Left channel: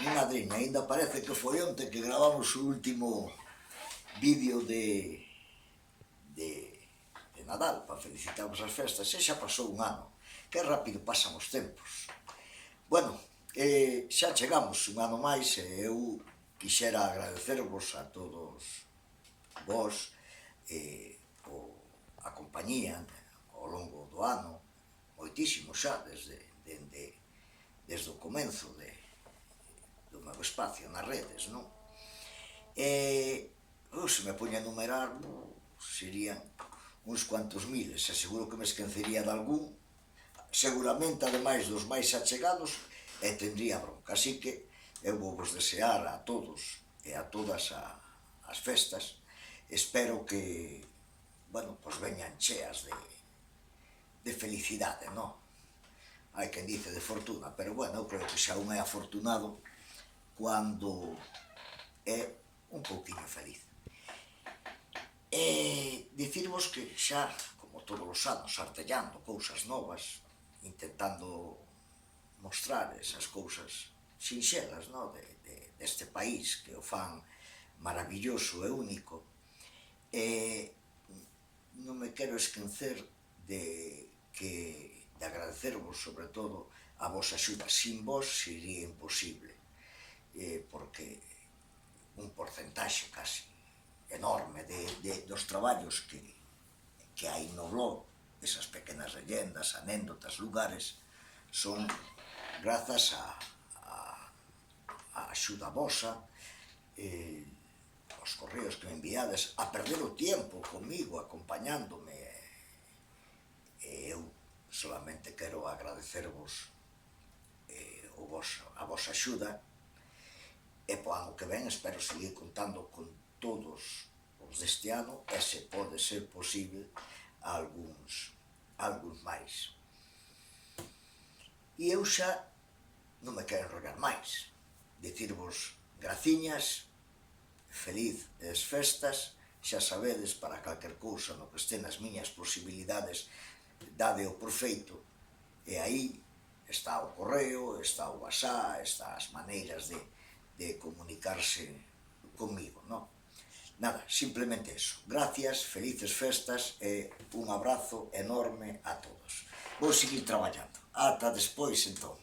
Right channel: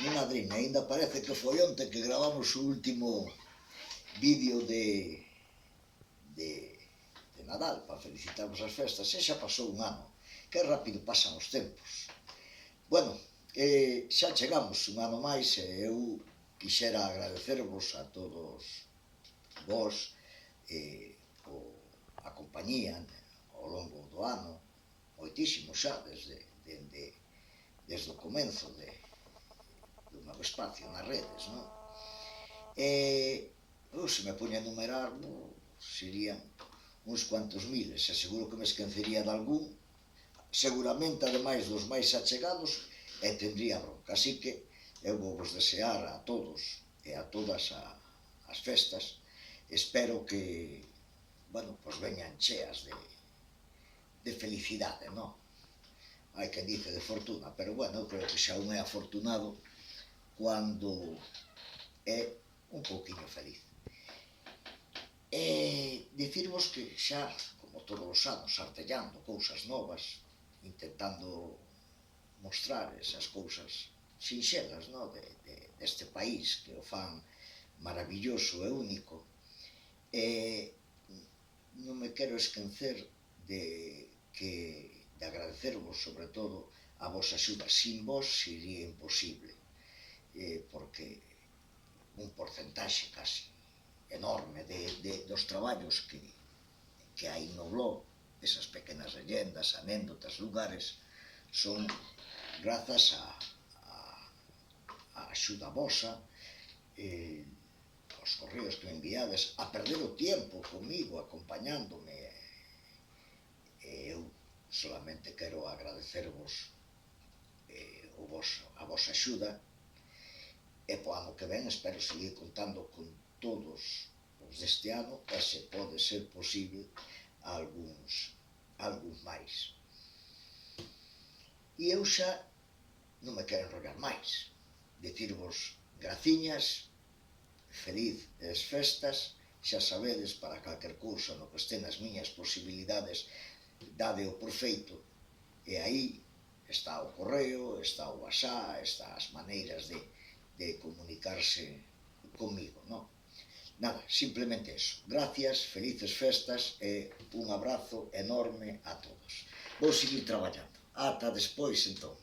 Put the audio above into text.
Mi madriña, ainda parece que foi onte que gravamos o último vídeo de Nadal para felicitarvos as festas, e xa pasou un ano. Que rápido pasan os tempos. Bueno, xa chegamos un ano máis e eu quixera agradecervos a todos vos a compañía ao longo do ano, moitísimo xa, desde o comenzo do meu espacio nas redes, non? Se me poña a enumerar, serían uns cuantos miles, e seguro que me esquecería de algún, seguramente, ademais dos máis achegados, e tendría bronca. Así que eu vou vos desear a todos e a todas as festas. Espero que, bueno, pois veñan cheas de felicidade, non? Hai quen dice de fortuna, pero, bueno, eu creo que xa un é afortunado cando é un pouquiño feliz. Dicirvos que xa, como todos os anos, artellando cousas novas, intentando mostrar esas cousas sinxelas, non, deste país que o fan maravilloso e único, non me quero esquecer de agradecervos, sobre todo, a vosa axuda. Sin vos sería imposible, porque un porcentaxe casi enorme dos traballos que hai no blog, esas pequenas leyendas, anécdotas, lugares, son grazas a axuda vosa, os correos que me enviades, a perder o tiempo comigo, acompañándome. Eu solamente quero agradecervos a vosa axuda, e po ano que ven espero seguir contando con todos os deste ano, e se pode ser posible algúns máis. E eu xa non me quero enrollar máis, dicirvos graciñas, felices festas, xa sabedes, para calquer cousa no que este nas miñas posibilidades, dade o por feito, e aí está o correo, está o WhatsApp, está as maneiras de comunicarse comigo, non? Nada, simplemente eso. Gracias, felices festas e un abrazo enorme a todos. Vou seguir traballando. Ata despois, entón.